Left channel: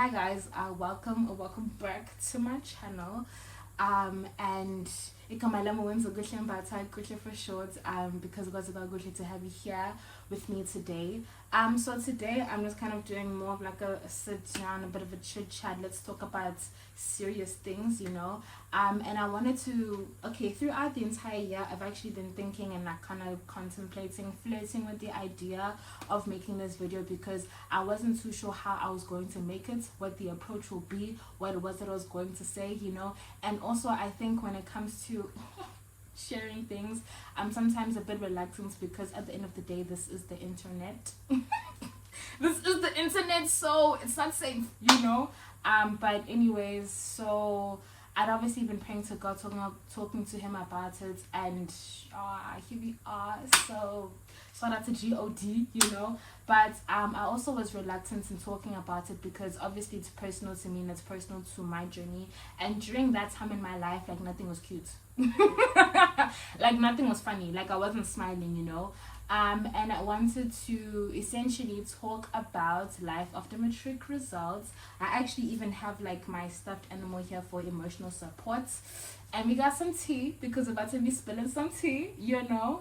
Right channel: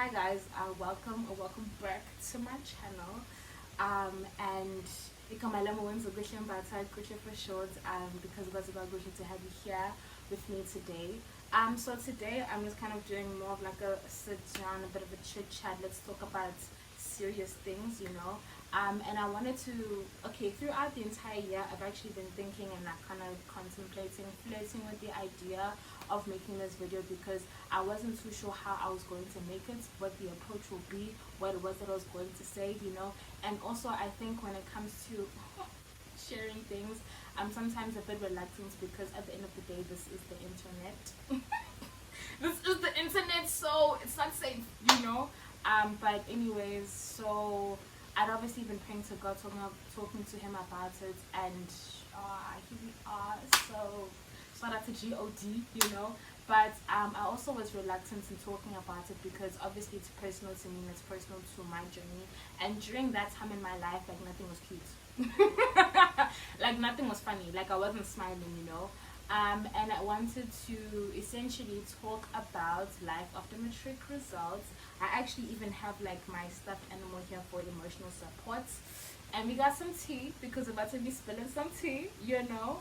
Hi guys, welcome back to my channel. And ikamalama wenza kuhle mbatha kuhle for short. Because it was about kuhle to have you here with me today. So today I'm just kind of doing more of like a sit down, a bit of a chit chat. Let's talk about serious things, you know. And I wanted to, throughout the entire year I've actually been thinking and like kind of contemplating, flirting with the idea of making this video, because I wasn't too sure how I was going to make it, what the approach will be, what it was that I was going to say, you know. And also I think when it comes to sharing things, I'm sometimes a bit reluctant, because at the end of the day this is the internet. This is the internet, so it's not safe, you know. But anyways, so I'd obviously been praying to God, talking to him about it, and here we are. So shout out to God, you know. But I also was reluctant in talking about it, because obviously it's personal to me and it's personal to my journey. And during that time in my life, like, nothing was cute. Like, nothing was funny. Like, I wasn't smiling, you know. And I wanted to essentially talk about life after matric results. I actually even have like my stuffed animal here for emotional support, and we got some tea because we're about to be spilling some tea, you know.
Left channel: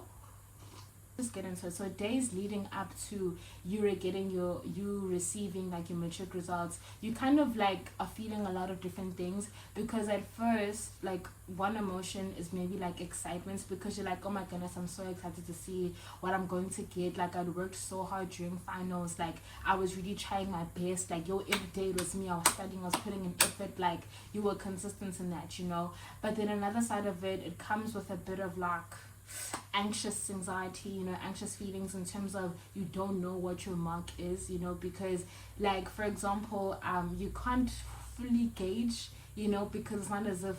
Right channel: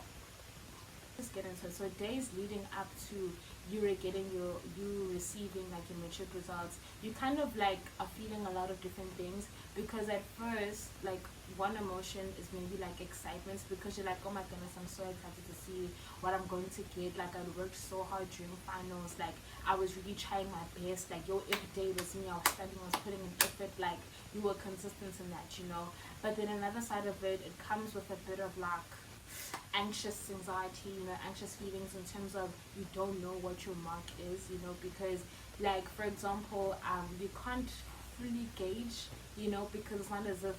Just get into it. So days leading up to you receiving like your matric results, you kind of like are feeling a lot of different things, because at first, like, one emotion is maybe like excitement, because you're like, oh my goodness, I'm so excited to see what I'm going to get. Like, I'd worked so hard during finals, like I was really trying my best, like every day was me, I was studying, I was putting in effort, like you were consistent in that, you know. But then another side of it, it comes with a bit of like anxious anxiety, you know, anxious feelings in terms of you don't know what your mark is, you know, because like, for example, you can't fully gauge, you know, because it's not as if,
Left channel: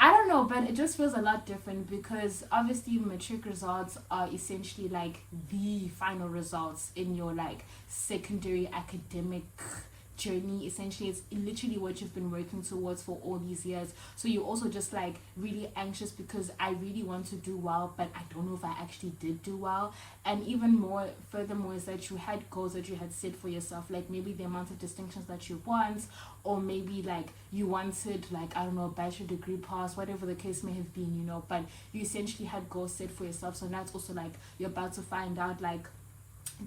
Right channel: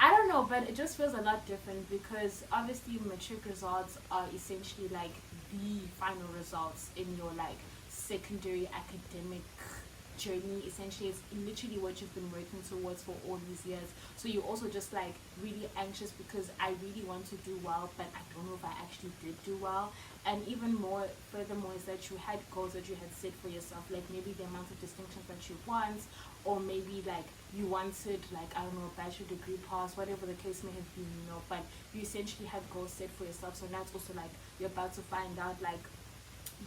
I don't know, but it just feels a lot different, because obviously matric results are essentially like the final results in your like secondary academic journey. Essentially, it's literally what you've been working towards for all these years. So you're also just like really anxious, because I really want to do well, but I don't know if I actually did do well. And even more, furthermore, is that you had goals that you had set for yourself, like maybe the amount of distinctions that you want, or maybe like you wanted, like, I don't know, a bachelor degree pass, whatever the case may have been, you know. But you essentially had goals set for yourself. So now it's also like you're about to find out, like,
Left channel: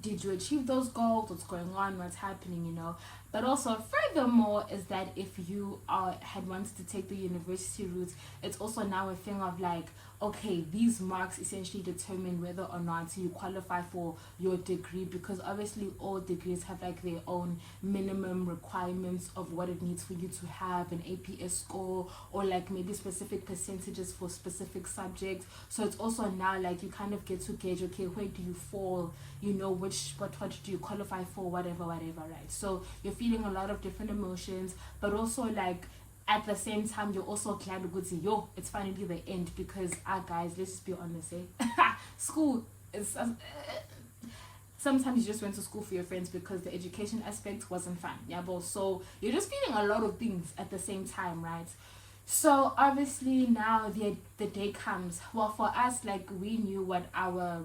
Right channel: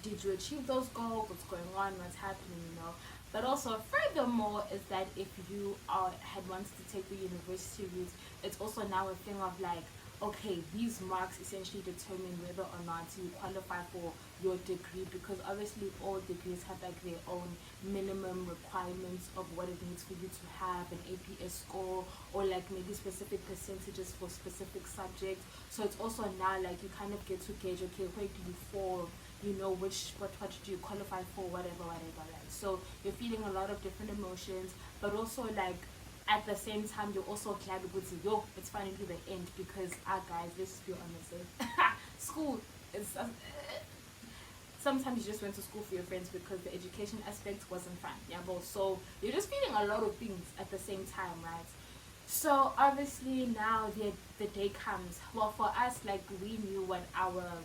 did you achieve those goals, what's going on, what's happening, you know. But also, furthermore, is that if you had wanted to take the university route, it's also now a thing of like, okay, these marks essentially determine whether or not you qualify for your degree, because obviously all degrees have like their own minimum requirements of what it needs for you to have an APS score, or like maybe specific percentages for specific subjects. So it's also now like you kind of get to gauge, okay, where do you fall, you know, what do you qualify for, whatever, right? So you're feeling a lot of different emotions, but also like at the same time you're also glad to see, yo, it's finally the end, because guys, let's just be honest, school is sometimes you just went to school for your friends, because the education aspect wasn't fun, yeah, but so you're just feeling a lot of things at the same time, right? So obviously now the day comes. Well, for us, like, we knew what our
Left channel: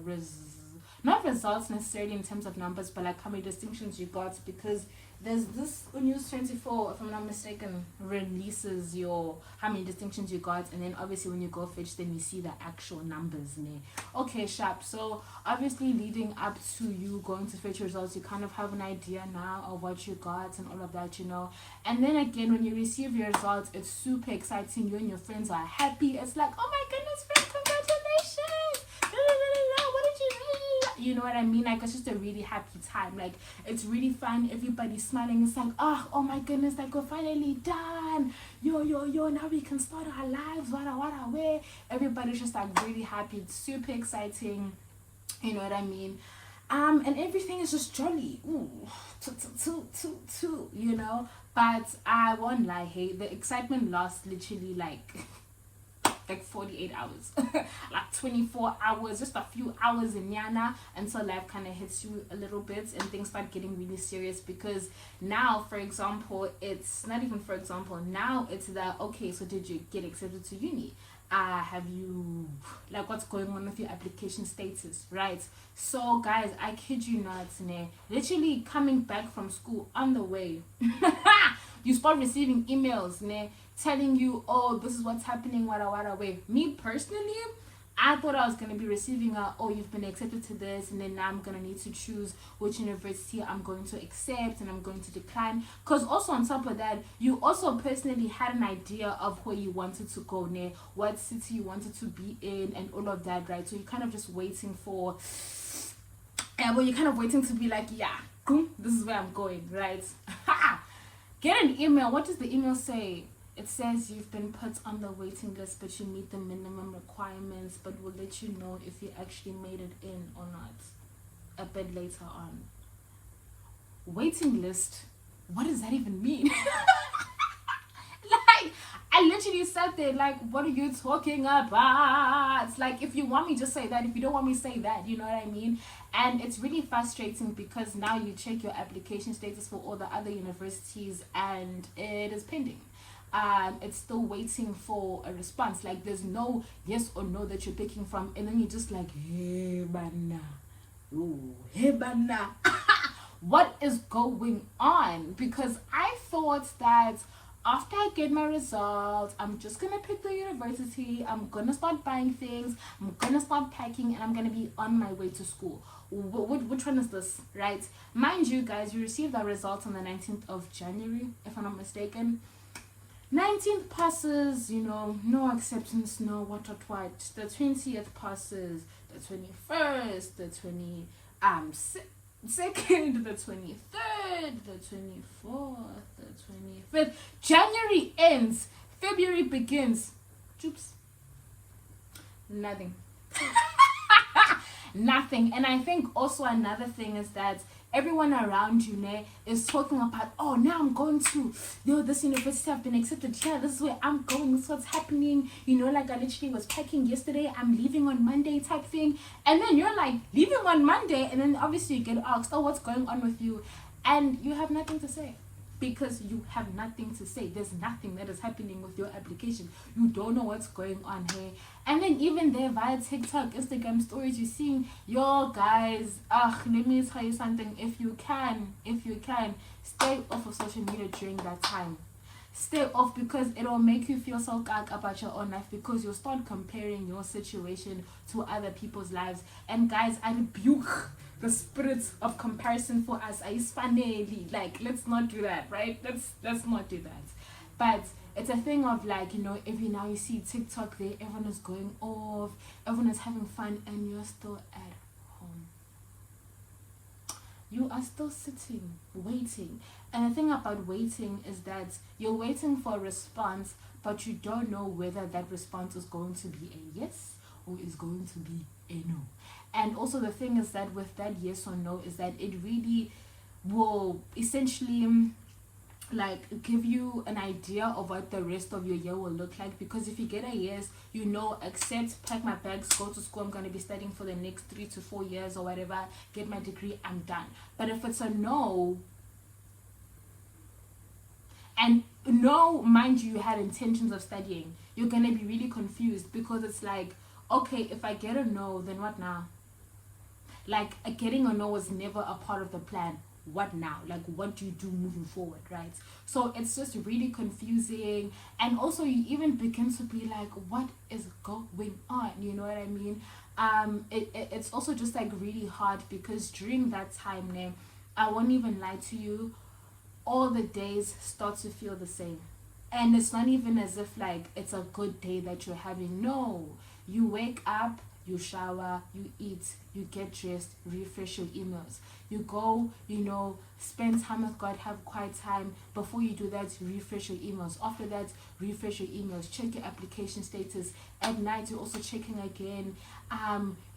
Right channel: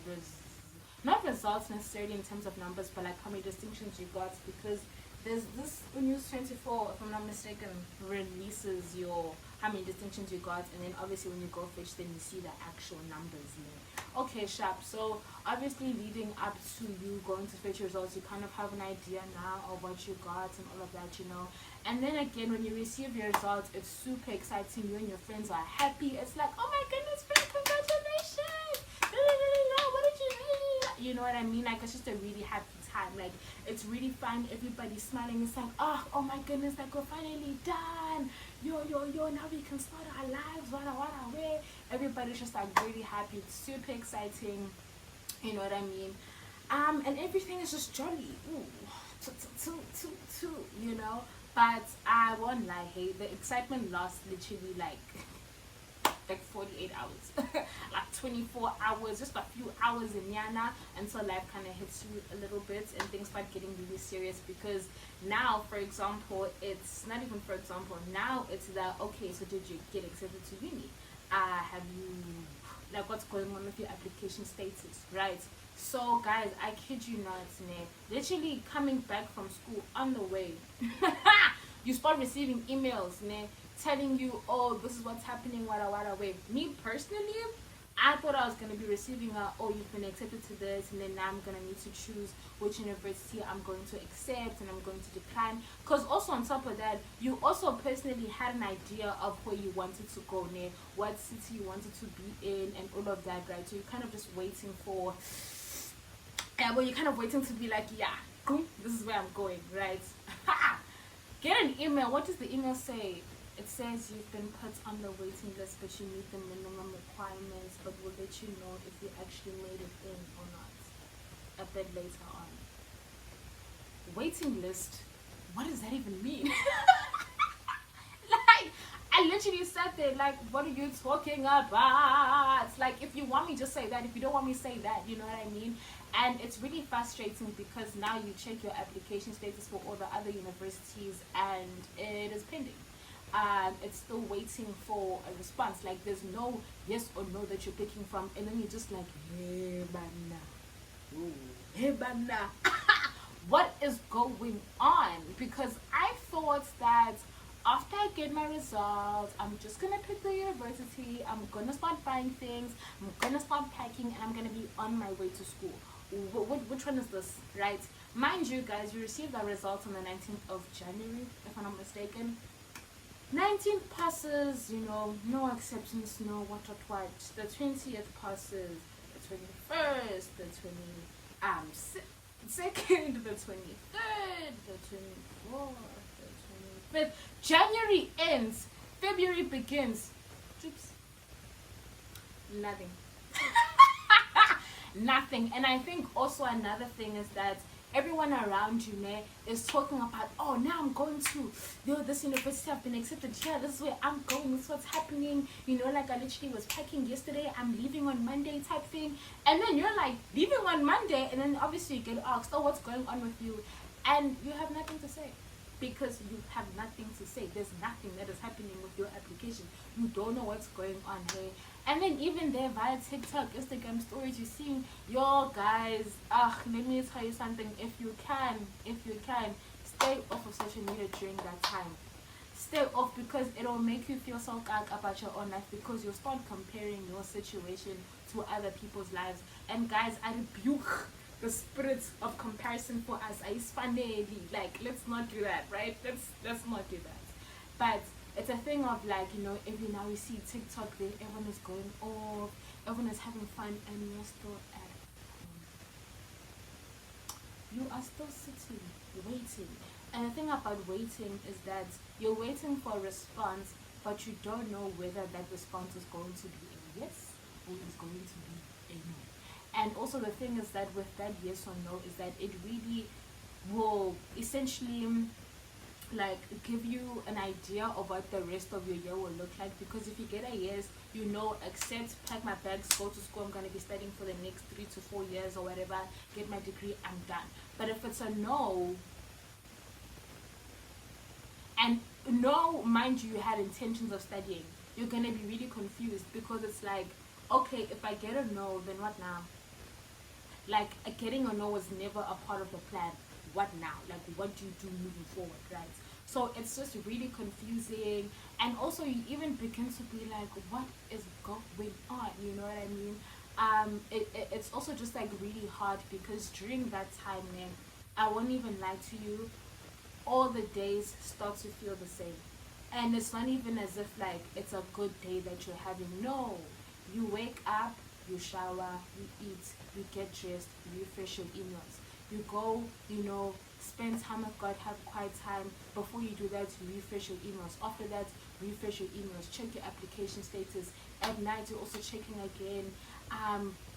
not results necessarily in terms of numbers, but like how many distinctions you got, because there's this News 24, if I'm not mistaken, releases your how many distinctions you got, and then obviously when you go fetch, then you see the actual numbers in it. Okay, sharp. So obviously leading up to you going to fetch your results, you kind of have an idea now of what you got and all of that, you know. And then again, when you receive your results, it's super exciting. You and your friends are happy. It's like, oh my goodness, friend, congratulations! What did you do? You know what I mean? Like, it's just a really happy time. Like, it's really fun. Everybody's smiling. It's like, oh my goodness, like, we're finally done. Yo, now we can start our lives. Where everybody's just like really happy. It's super exciting. You know what I mean? And everything is just jolly. Ooh, you know. But I won't lie, hey, the excitement lasts literally like 48 hours, like 24 hours, just a few hours in Yana, until life kind of hits you a little bit and things start getting really serious. Because now, for example, it's not even for example, now it's that, okay, so did you get accepted to uni? Have you, like, what's going on with your application status, right? So guys, I kid you not, literally coming back from school on the way you start receiving emails ne, telling you, oh, this is what's happening, wada way. Me personally, I thought I was going to be receiving oh, you've been accepted to this, and then now I'm going to need to choose which university I'm going to accept and I'm going to decline. Because also on top of that, you also personally had an idea of where you wanted to go near, what city you wanted to be in, and all of that, right? So you're kind of just waiting for, well, you're kind of waiting to be like, yeah, this is where I'm going, right? Get an email. What does the email say? It says you've been put on the waiting list, but you meet the minimum requirements, but we'll let you know if you actually made it in or not a bit later on. Waiting list? What does that even mean? Like, I literally sat there like, what are you talking about? It's like, if you want me, just say that. If you don't want me, say that. You know what I mean? And it's really frustrating because now you check your application status for all the other universities and it is pending. It's still waiting for a response. Like, there's no yes or no that you're picking from, and then you're just like, hey bana, ooh, hey bana. What is going on? Because I thought that after I get my results, I'm just gonna pick the university, I'm gonna start buying things, I'm gonna start packing, and I'm gonna be on my way to school. Which one is this, right? Mind you guys, you received the results on the 19th of January, if I'm not mistaken. 19th passes, you know, no acceptance, no what. The 20th passes, the 21st, the 22nd, the 23rd, the 24th, the 25th. January ends, February begins. Oops. Nothing. Nothing. And I think also another thing is that everyone around you is talking about, oh, now I'm going to, this university, I've been accepted, yeah, this is where I'm going, this is what's happening, you know, like I literally was packing yesterday, I'm leaving on Monday type thing. And then you're like leaving on Monday, and then obviously you get asked, oh, what's going on with you? And you have nothing to say. Because you have nothing to say. There's nothing that is happening with your application. You don't know what's going on here. And then even there via TikTok, Instagram stories, you're seeing, yo guys, let me tell you something. If you can, stay off of social media during that time. Stay off, because it'll make you feel so gag about your own life, because you'll start comparing your situation to other people's lives. And guys, I rebuke the spirit of comparison for us. Like, let's not do that, right? Let's not do that. But it's a thing of like, you know, if you see TikTok there, everyone is going off, everyone is having fun, and you're still at home. You are still sitting, waiting. And the thing about waiting is that you're waiting for a response, but you don't know whether that response is going to be a yes or is going to be a no. And also the thing is that with that yes or no is that it really will essentially like give you an idea of what the rest of your year will look like. Because if you get a yes, you know, accept, pack my bags, go to school, I'm going to be studying for the next 3 to 4 years or whatever, get my degree, I'm done. But if it's a no, and no, mind you had intentions of studying, you're going to be really confused, because it's like, okay, if I get a no, then what now? Like, getting a no was never a part of the plan. What now? Like, what do you do moving forward, right? So it's just really confusing. And also you even begin to be like, what is going on? You know what I mean? It's also just like really hard, because during that time, I won't even lie to you, all the days start to feel the same. And it's not even as if like it's a good day that you're having. No, you wake up, you shower, you eat, you get dressed, refresh your emails. You go, you know, spend time with God, have quiet time. Before you do that, refresh your emails. After that, refresh your emails, check your application status. At night, you're also checking again.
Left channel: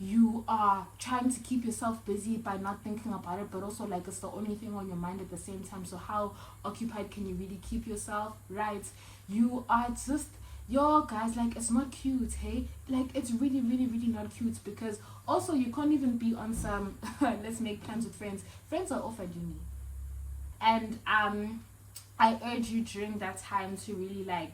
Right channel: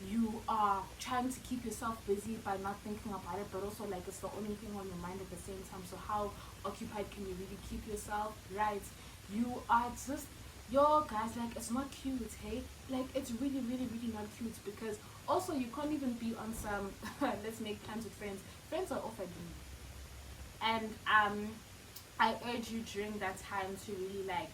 You are trying to keep yourself busy by not thinking about it, but also like it's the only thing on your mind at the same time. So how occupied can you really keep yourself, right? You are just, yo guys, like it's not cute, hey? Like it's really, really, really not cute, because also you can't even be on some let's make plans with friends. Friends are offered you. And I urge you during that time to really like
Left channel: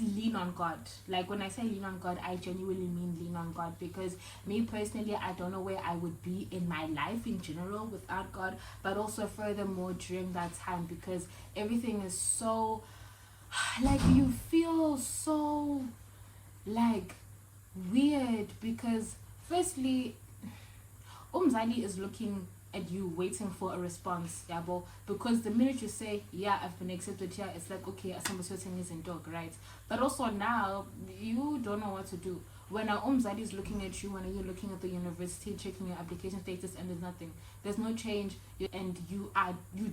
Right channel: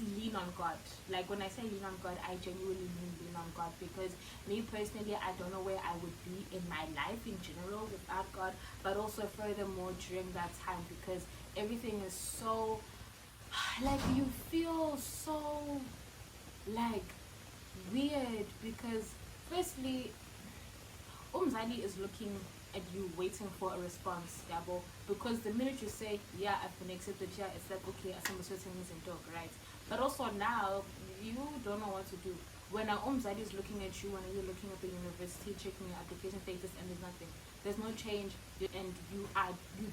lean on God. Like when I say lean on God, I genuinely mean lean on God, because me personally, I don't know where I would be in my life in general without God, but also furthermore during that time, because everything is so like you feel so like weird because firstly umzali is looking at you waiting for a response, yabo, because the minute you say yeah I've been accepted here, it's like okay asamba sweating is in dog, right? But also now you don't know what to do when our umzali is looking at you, when you're looking at the university checking your application status and there's nothing, there's no change, and you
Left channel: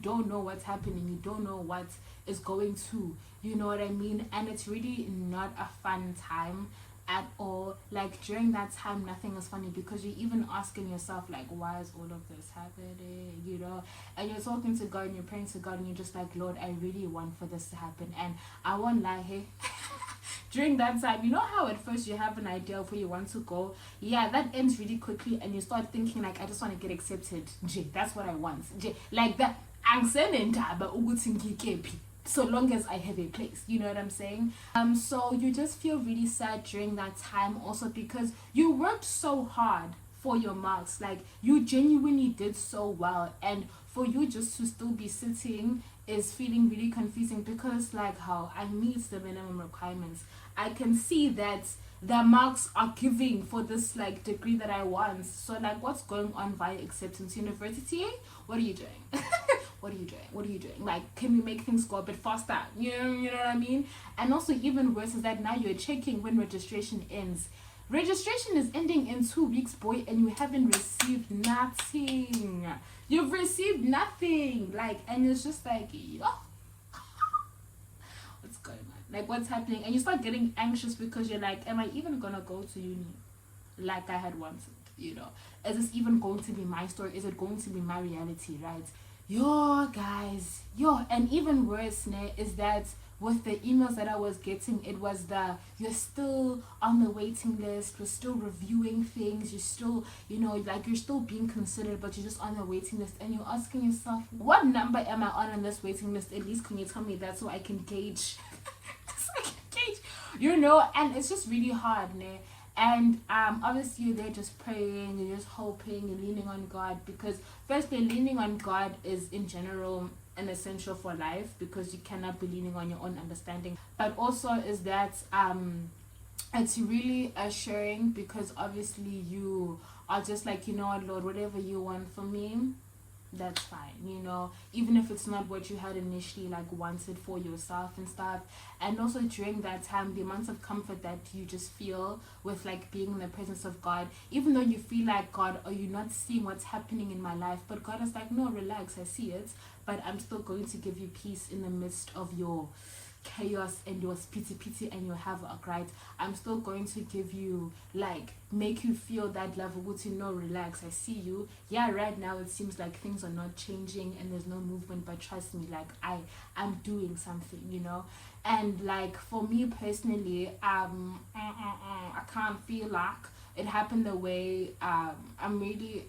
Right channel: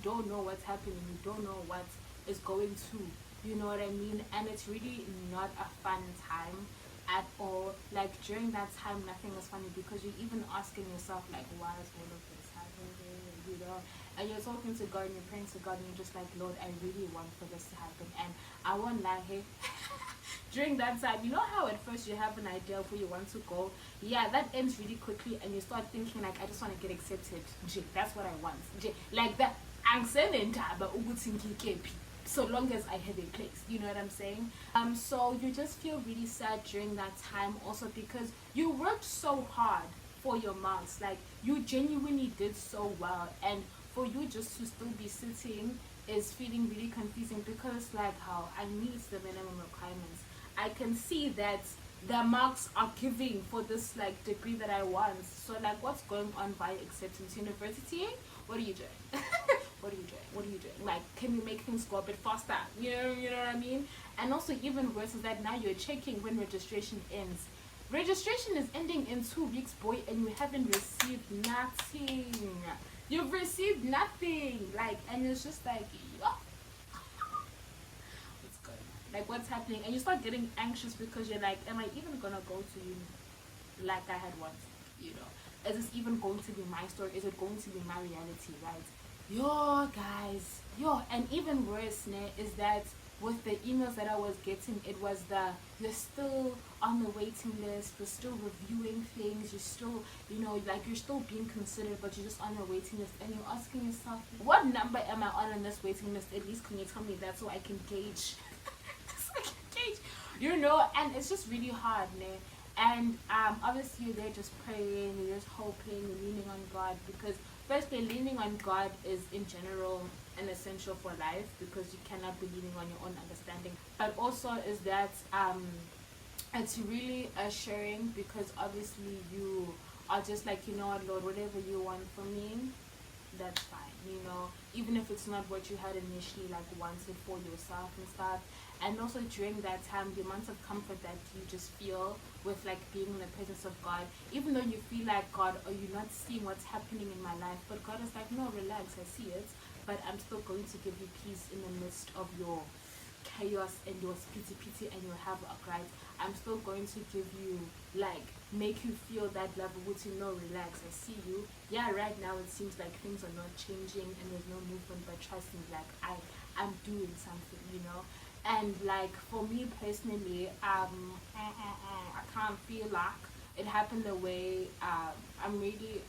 don't know what's happening, you don't know what is going to, you know what I mean? And it's really not a fun time at all. Like during that time nothing is funny because you're even asking yourself like why is all of this happening, you know? And you're talking to God and you're praying to God and you're just like, Lord, I really want for this to happen. And I won't lie, hey, during that time, you know how at first you have an idea of where you want to go, yeah, that ends really quickly and you start thinking like I just want to get accepted, that's what I want, like that so long as I have a place, you know what I'm saying? So you just feel really sad during that time also because you worked so hard for your marks, like you genuinely did so well, and for you just to still be sitting is feeling really confusing because like how I meet the minimum requirements, I can see that the marks are giving for this like degree that I want, so like what's going on via acceptance university? What are you doing? What are you doing? What are you doing? Like, can you make things go a bit faster? You know what I mean? And also even worse is that now you're checking when registration ends. Registration is ending in 2 weeks, boy, and you haven't received nothing. You've received nothing. Like, and it's just like, oh, what's going on? Like, what's happening? And you start getting anxious because you're like, am I even gonna go to uni like I had wanted? You know, is this even going to be my story? Is it going to be my reality, right? Yo guys, and even worse is that with the emails that I was getting, it was you're still on the waiting list, we're still reviewing things, you're still, you know, like you're still being considered, but you're just on the waiting list, and you're asking yourself, what number am I on this waiting list? At least can you tell me that so I can gauge so I can gauge, you know? And it's just really hard, and obviously they're just praying, they're just hoping, leaning on God, because firstly leaning on God is in general an essential for life because you cannot be leaning on your own understanding, but also is that it's really assuring because obviously you are just like, you know what, Lord, whatever you want for me, that's fine, you know, even if it's not what you had initially like wanted for yourself and stuff. And also during that time, the amount of comfort that you just feel with like being in the presence of God, even though you feel like, God, are you not seeing what's happening in my life? But God is like, no, relax, I see it, but I'm still going to give you peace in the midst of your chaos and your pity and your havoc, right? I'm still going to give you, like, make you feel that love of, you know, relax, I see you. Yeah, right now it seems like things are not changing and there's no movement, but trust me, like I'm doing something, you know. And like for me personally, I can't feel like it happened the way I'm really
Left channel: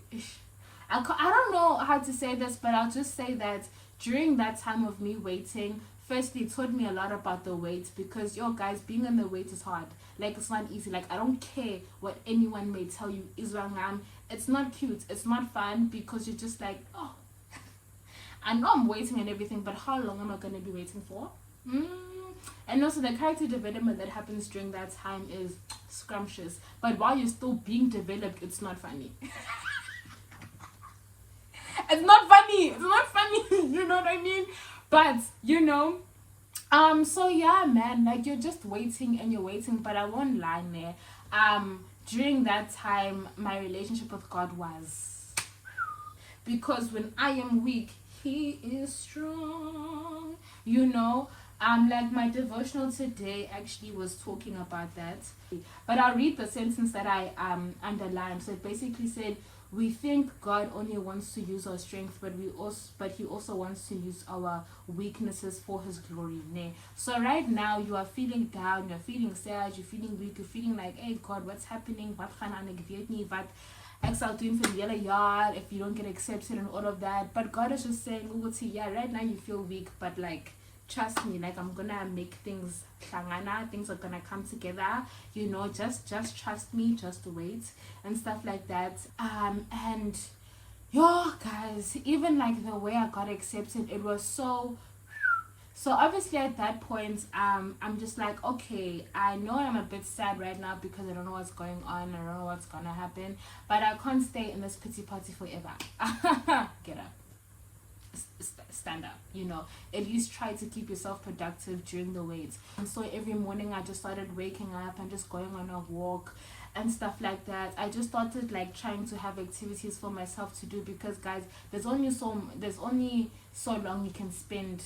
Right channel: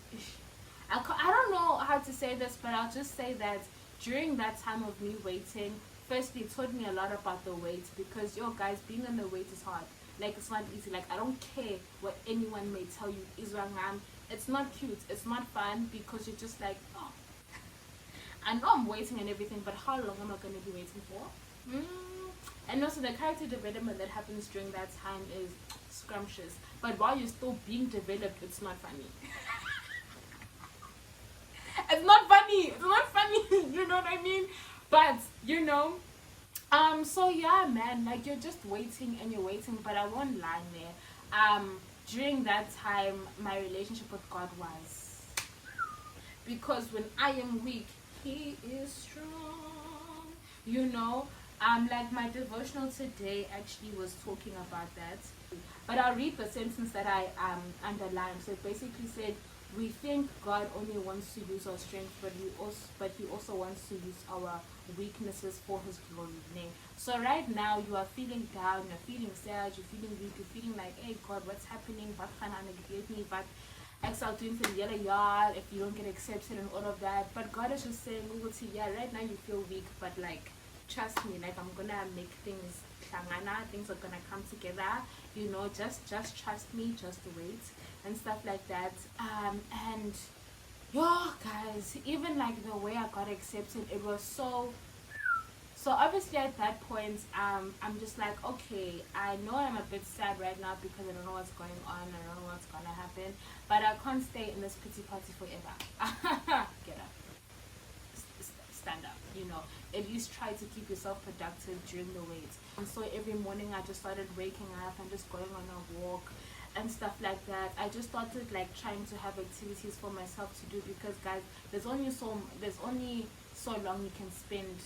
I don't know how to say this, but I'll just say that during that time of me waiting, firstly it taught me a lot about the wait, because yo guys, being on the wait is hard. Like, it's not easy. Like, I don't care what anyone may tell you, Israngam, it's not cute, it's not fun, because you're just like, oh, I know I'm waiting and everything, but how long am I going to be waiting for? And also the character development that happens during that time is scrumptious, but while you're still being developed, it's not funny. It's not funny, you know what I mean? But you know, so yeah, man, like you're just waiting and you're waiting, but I won't lie there, during that time my relationship with God was, because when I am weak, he is strong, you know. Like my devotional today actually was talking about that, but I'll read the sentence that I underlined. So it basically said, we think God only wants to use our strength, but he also wants to use our weaknesses for his glory. So right now you are feeling down, you're feeling sad, you're feeling weak, you're feeling like, hey God, what's happening? What doing for the other yard if you don't get accepted and all of that. But God is just saying, yeah, right now you feel weak, but like, trust me, like I'm gonna make things things are gonna come together, you know, just trust me, just wait and stuff like that. And yo guys, even like the way I got accepted, it was so So obviously at that point, I'm just like, okay, I know I'm a bit sad right now because I don't know what's going on, I don't know what's gonna happen, but I can't stay in this pity party forever. Get up, stand up, at least try to keep yourself productive during the wait. And so every morning I just started waking up and just going on a walk and stuff like that. I just started like trying to have activities for myself to do, because guys, there's only so long you can spend,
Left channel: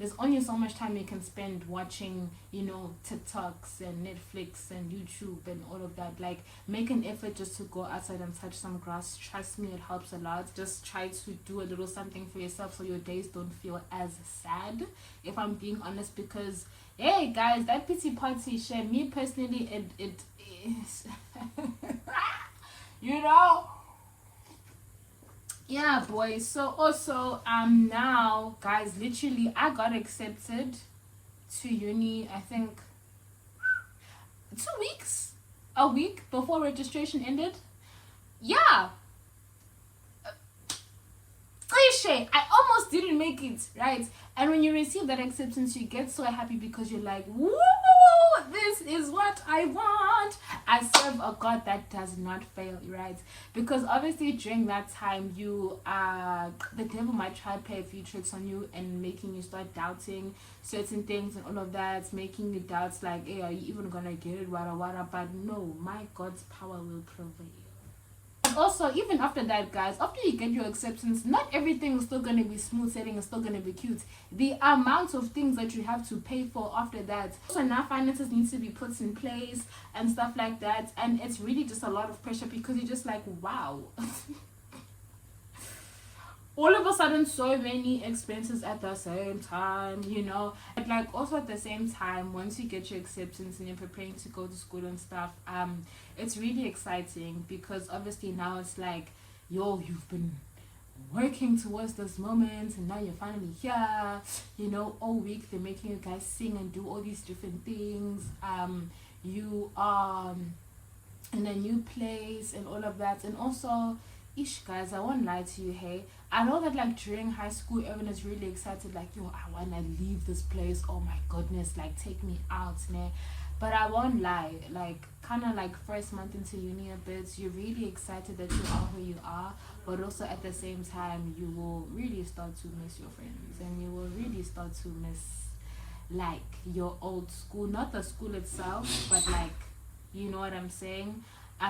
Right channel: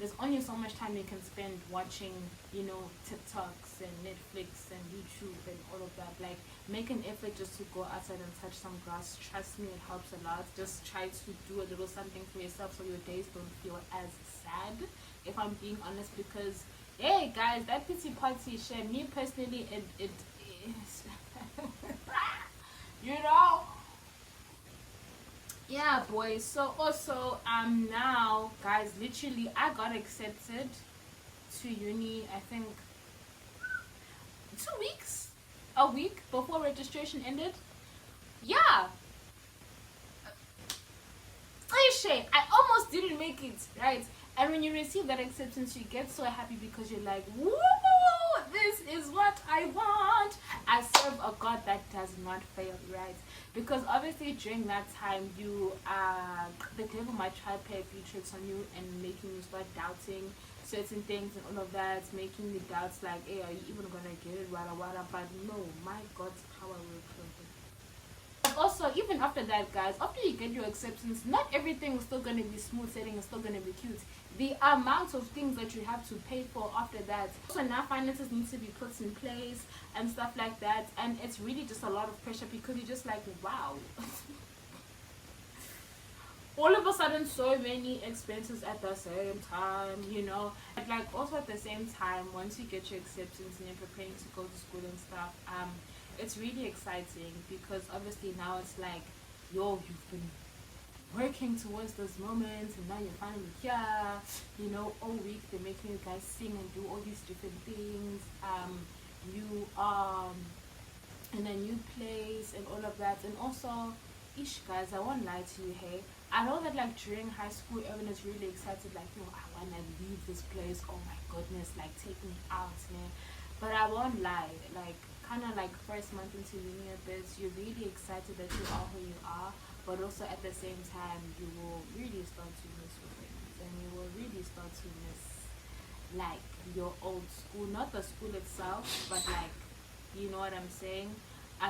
there's only so much time you can spend watching, TikToks and Netflix and YouTube and all of that. Like, make an effort just to go outside and touch some grass. Trust me, it helps a lot. Just try to do a little something for yourself so your days don't feel as sad, if I'm being honest. Because, hey guys, that pity party shit, me personally, it is you know yeah, boys. So also, now guys, literally I got accepted to uni, I think 2 weeks, a week before registration ended. Yeah, cliche, I almost didn't make it, right? And when you receive that acceptance, you get so happy because you're like, woo, this is what I want. I serve a God that does not fail, right? Because obviously during that time, the devil might try to play a few tricks on you and making you start doubting certain things and all of that, making you doubt like, hey, are you even gonna get it, wada wada. But no, my God's power will prevail. Also, even after that, guys, after you get your acceptance, not everything is still going to be smooth sailing, it's still going to be cute. The amount of things that you have to pay for after that, so now finances need to be put in place and stuff like that. And it's really just a lot of pressure, because you're just like, wow. All of a sudden, so many expenses at the same time, But like, also at the same time, once you get your acceptance and you're preparing to go to school and stuff, it's really exciting, because obviously now it's like, yo, you've been working towards this moment and now you're finally here. All week they're making you guys sing and do all these different things. You are in a new place and all of that. And also, guys, I won't lie to you, hey, I know that like during high school everyone is really excited, like, yo, I wanna leave this place, oh my goodness, like take me out, man. But I won't lie, like kind of like first month into uni a bit, you're really excited that you are who you are, but also at the same time you will really start to miss your friends, and you will really start to miss like your old school, not the school itself, but like, you know what I'm saying.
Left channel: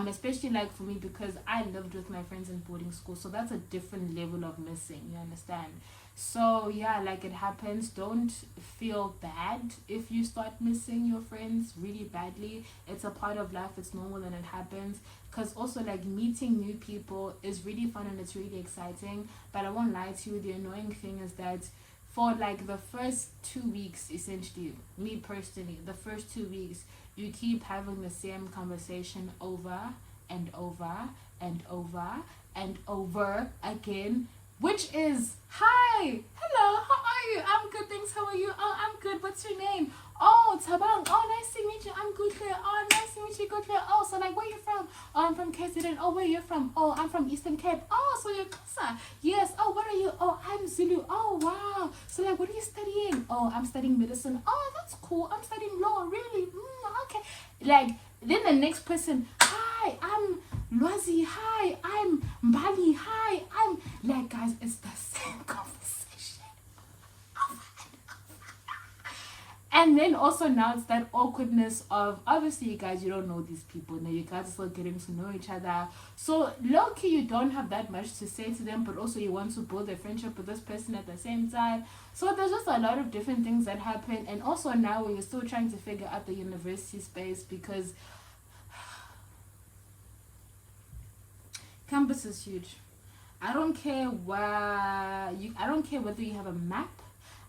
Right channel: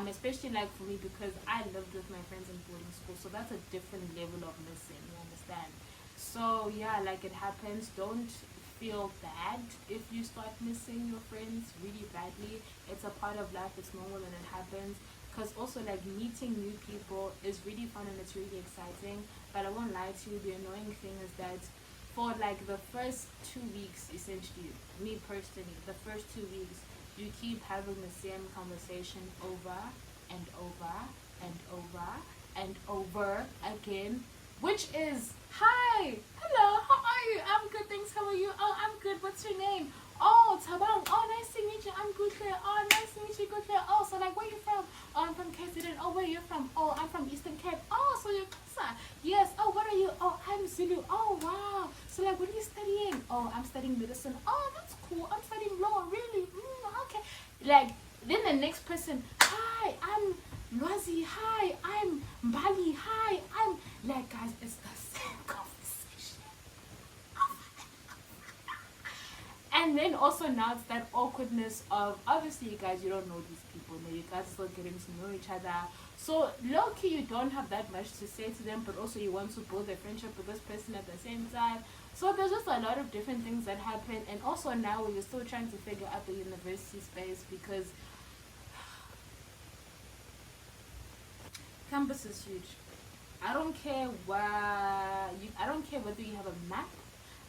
Especially like for me, because I lived with my friends in boarding school, so that's a different level of missing, you understand? So yeah, like it happens. Don't feel bad if you start missing your friends really badly. It's a part of life, it's normal, and it happens. Because also like meeting new people is really fun and it's really exciting, but I won't lie to you, the annoying thing is that for like the first 2 weeks, essentially, me personally, the first 2 weeks, you keep having the same conversation over and over and over and over again, which is, hi, hello, how are you? I'm good, thanks, how are you? Oh, I'm good, what's your name? Oh, Tabang, oh, nice to meet you, I'm good here. Oh, nice to meet you, good here. Oh, so like, where you from? Oh, I'm from KZN. Oh, where you from? Oh, I'm from Eastern Cape. Oh, so you're Xhosa. Yes. Oh, what are you? Oh, I'm Zulu. Oh, wow. So like, what are you studying? Oh, I'm studying medicine. Oh, that's cool. I'm studying law. Really? Okay. Like, then the next person, hi, I'm Lwazi. Hi, I'm Mbali. Hi, I'm like, guys, it's the same conversation. And then also now it's that awkwardness of, obviously you guys, you don't know these people, now you guys are still getting to know each other, so low-key you don't have that much to say to them, but also you want to build a friendship with this person at the same time. So there's just a lot of different things that happen. And also now we're still trying to figure out the university space, because campus is huge. I don't care I don't care whether you have a map,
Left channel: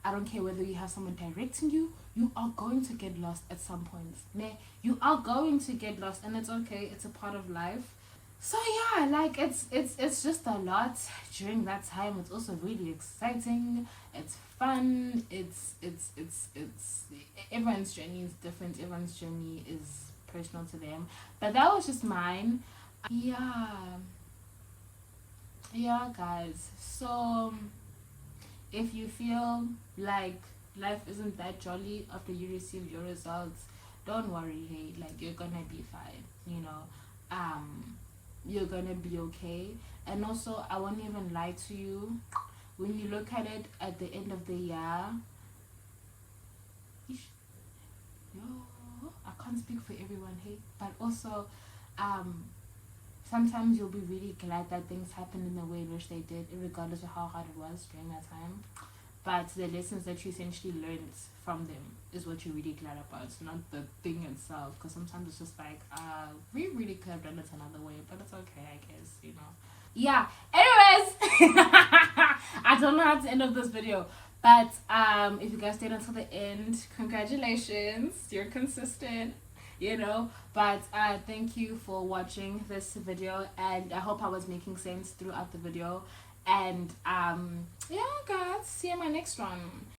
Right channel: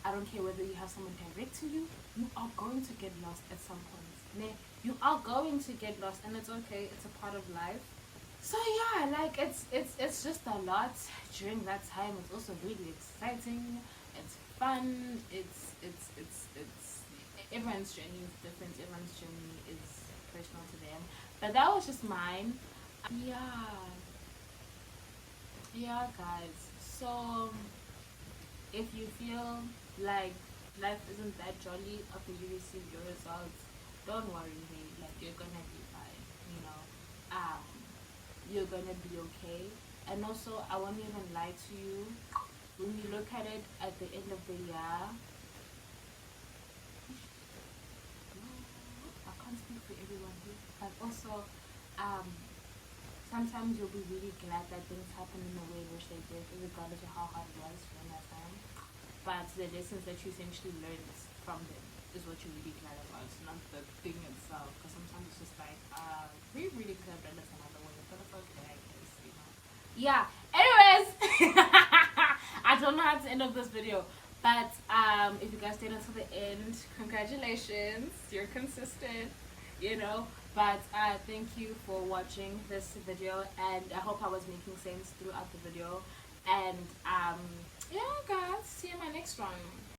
I don't care whether you have someone directing you. You are going to get lost at some point. You are going to get lost, and it's okay. It's a part of life. So yeah, like it's just a lot during that time. It's also really exciting. It's fun. It's everyone's journey is different. Everyone's journey is personal to them. But that was just mine. Yeah, guys. So if you feel like life isn't that jolly after you receive your results, don't worry, hey, like you're gonna be fine, you know. You're gonna be okay. And also, I won't even lie to you, when you look at it at the end of the year, no, I can't speak for everyone here, but also, um, sometimes you'll be really glad that things happened in the way in which they did, regardless of how hard it was during that time. But the lessons that you essentially learned from them is what you're really glad about, not the thing itself. Because sometimes it's just like, we really could have done it another way, but it's okay, I guess, you know. Yeah. Anyways, I don't know how to end up this video, but if you guys stayed until the end, congratulations, you're consistent, you know. But thank you for watching this video, and I hope I was making sense throughout the video. And yeah, guys, see you in my next one.